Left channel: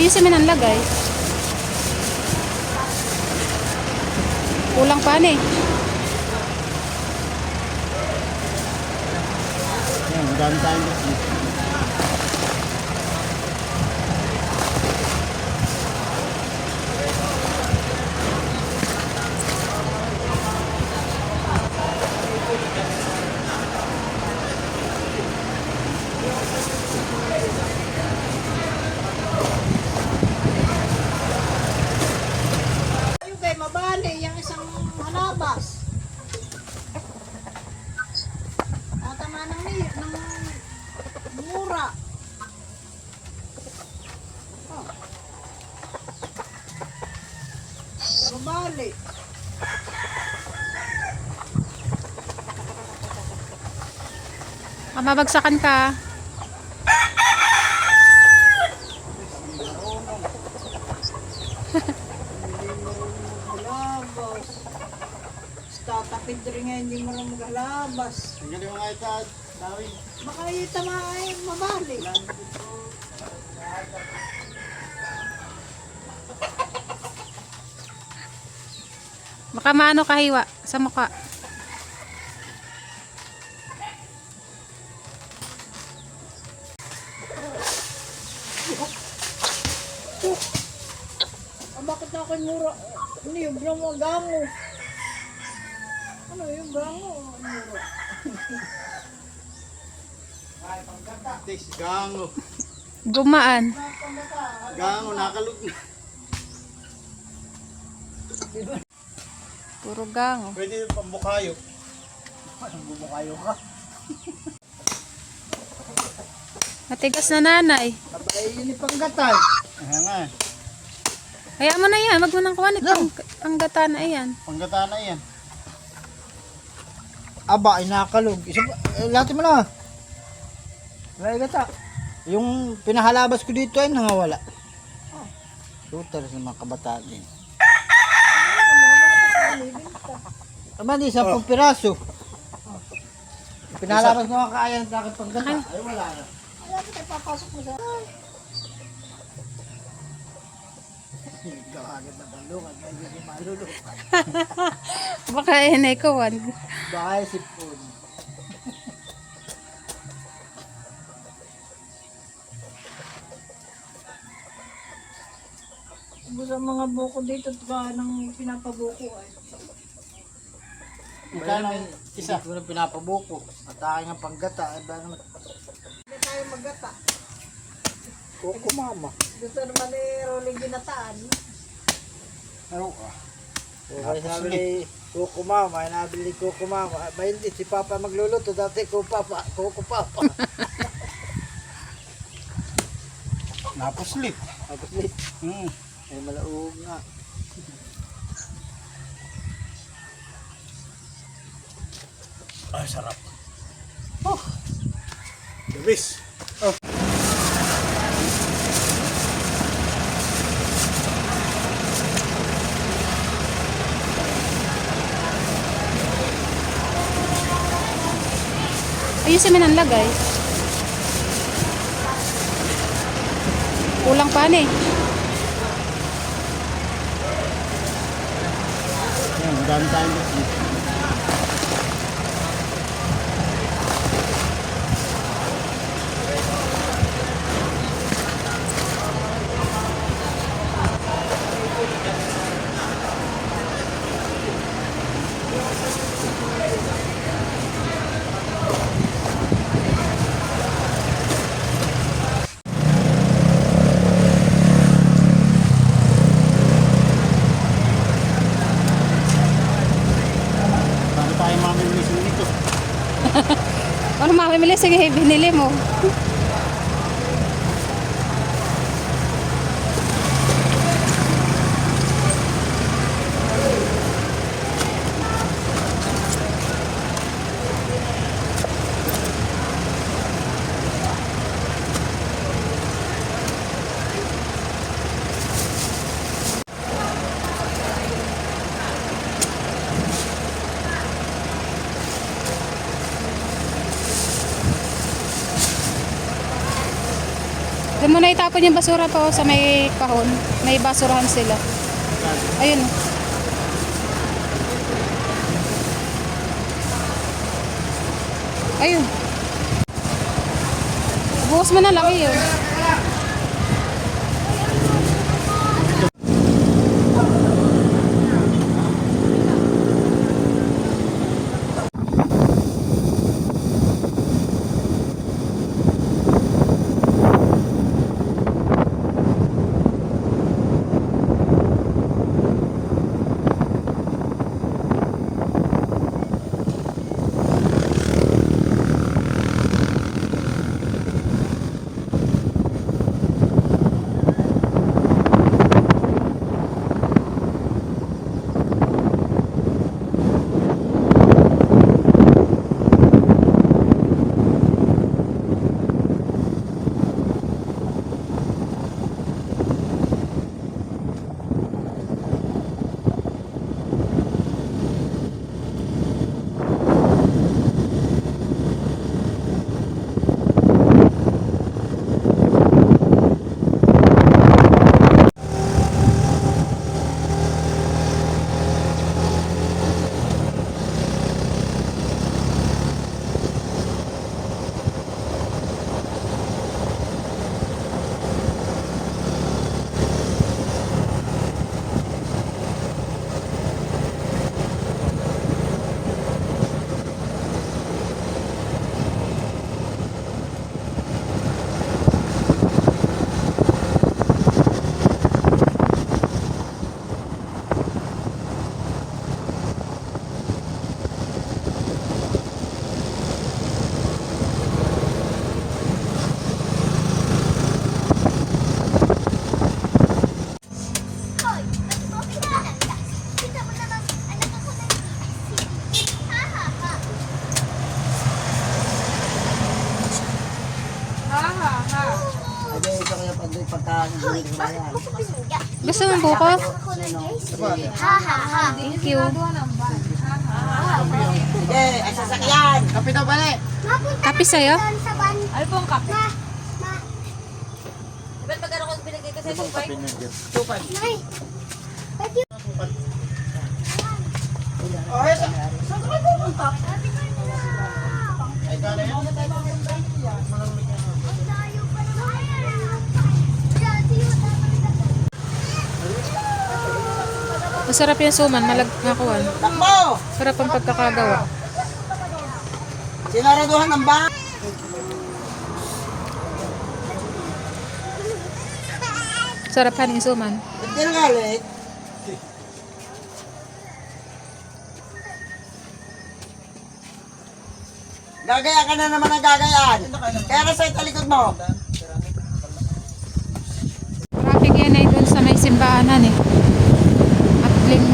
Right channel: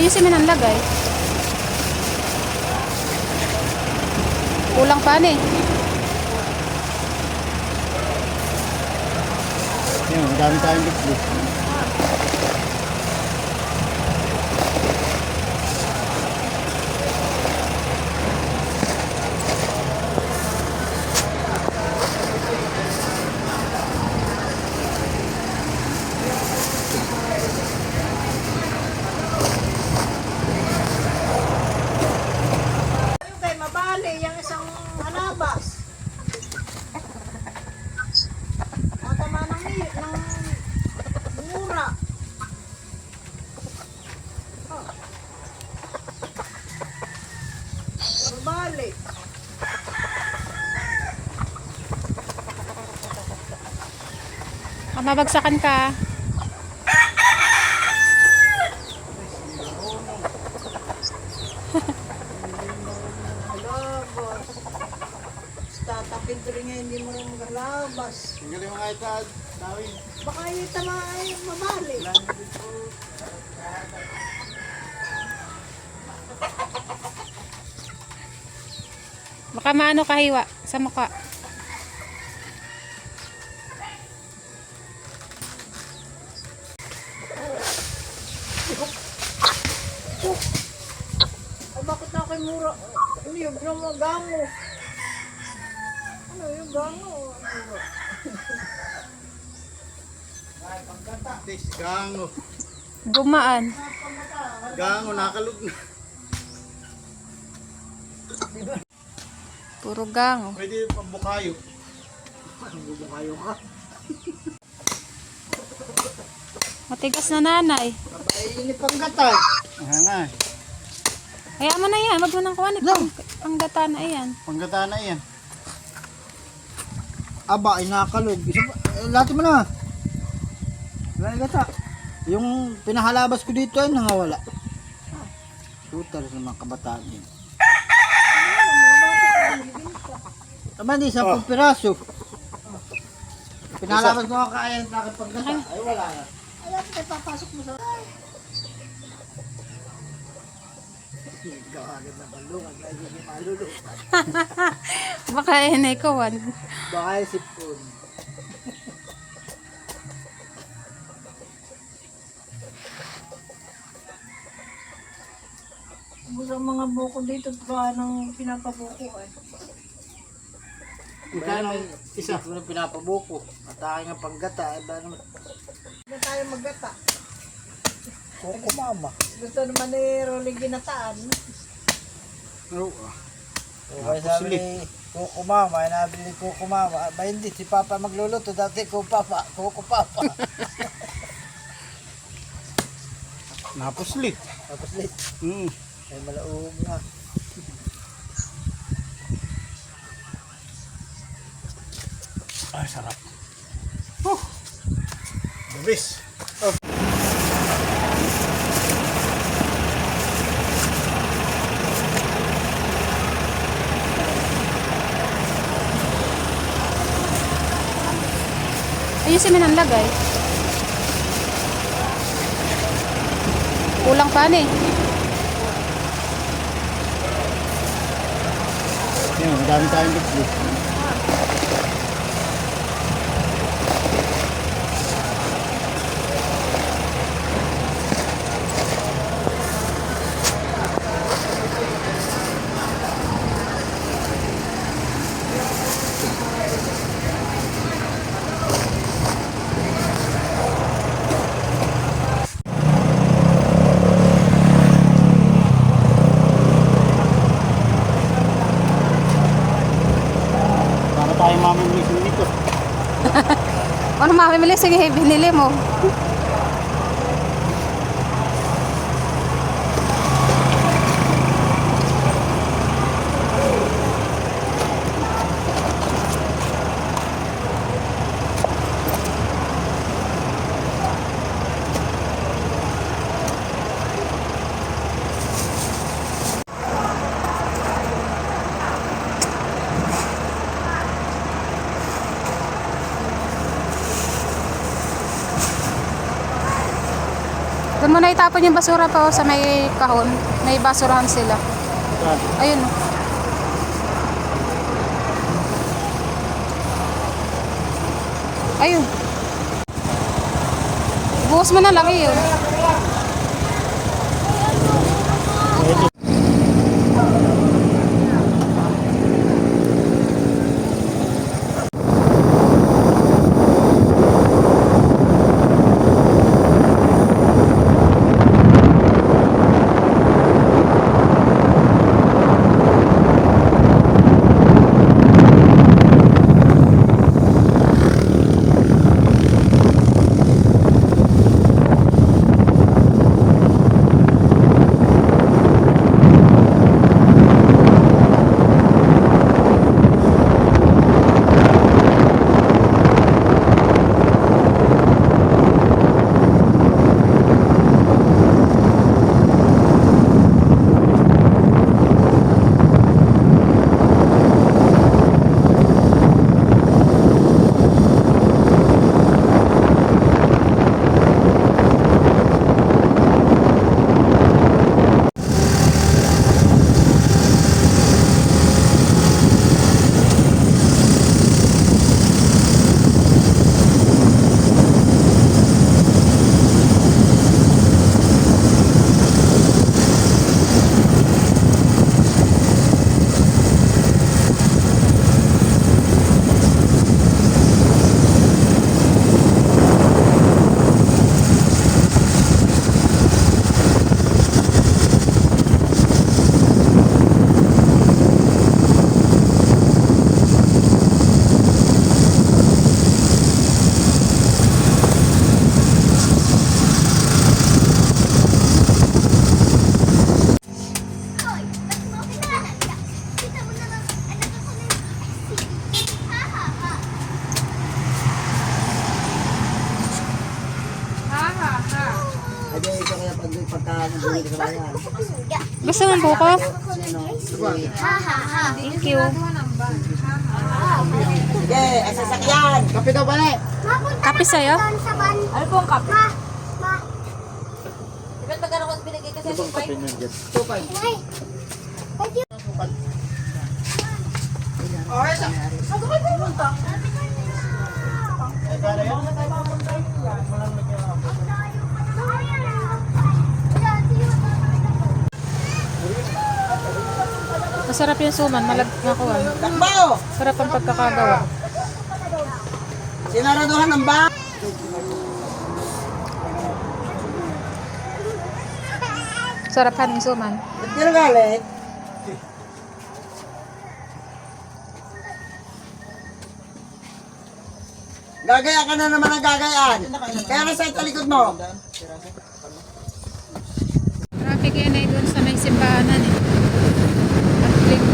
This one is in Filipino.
Ayusin mo ng lagay. Kulang pa eh. Yan, madami tayong bitbit. Yung kay mabali, yung isang halabas. Tama ng mura. Oh. Mabali. Mabagsakan ka. Halabas. Tatapid rin nga, hindi mo rin maghalabas. Tingnan yung mga itad, Dawin. Baka itama ay mabali. Baka maano kahiwa sa mukha. Bakit na ako'y mura? Ano yung gango? Ano yung gango? Ano ba? Tis, gango. Gumaan. Gango, nakalug na. Puro gango. Pwede yung pambukayo. Pambukayo ka. Matigas na nanay. Abay, ini panggatay. Nga. Kaya mo na yan. Wag mo nang kuha. Panggata na yan. Panggata na yan. Aba, ay nakalog. Lati mo na. Wala gata. Yung pinahalabas ko dito ay nangawala. Shooter sa mga kabataan din. Aba, di 10 piraso. Pinahalabas ko ang kaayan sa akin panggata. Ay, wala yan. Ayaw ko papasok mo sa... Gawagad na balong. Ay, hindi malulog. Baka inay ko. Bahay sipon. Sa mga buko dito, ba nang pinapabukuan? Magkano isa? Ito na pinapabuko. At aking ang paggata. Ay ba naman? Hindi tayo maggata. Kuko mama. Gusto naman ni Rolly ginataan. Oo ah. Kaya sabi ni Kuko Mama, nabili ni Kuko Mama. Ba hindi, si Papa magluluto. Dati Kuko Papa. Napuslit. Tapos late. Ay malauog na. Ah, sarap. The best. Ayusin mo ng lagay. Kulang pa eh. Yan, madami tayong bitbit. Para tayo mamimili nito. Ano mamimili? Sige, binili mo. Huwag mo na itapon yung basura pa sa may kahon. May basurahan sila. Ayun. Ayun. Bukas mo na lang yun. Ay, ito kaya pagka-nagulog sa bayan. Gusto mo bukas? Sino? Thank you. Sige, ay sasakyan. Kape daw ba na eh? Kape sa'yo? Ano pong kape? Ma, Di ba't magkano ko binigay kasi 2.5? Masarap yung suman. Malagnakuan. Takbo! Sarap ang pagkakagawa. Sinaraduhan ng ba? Sarap haning suman. Ba't ka nagalit? Gagaya ka na naman ang gagayaan. Kaya ka sa talikod mo. Traffic yan eh dun sa may simbahanan eh. At yung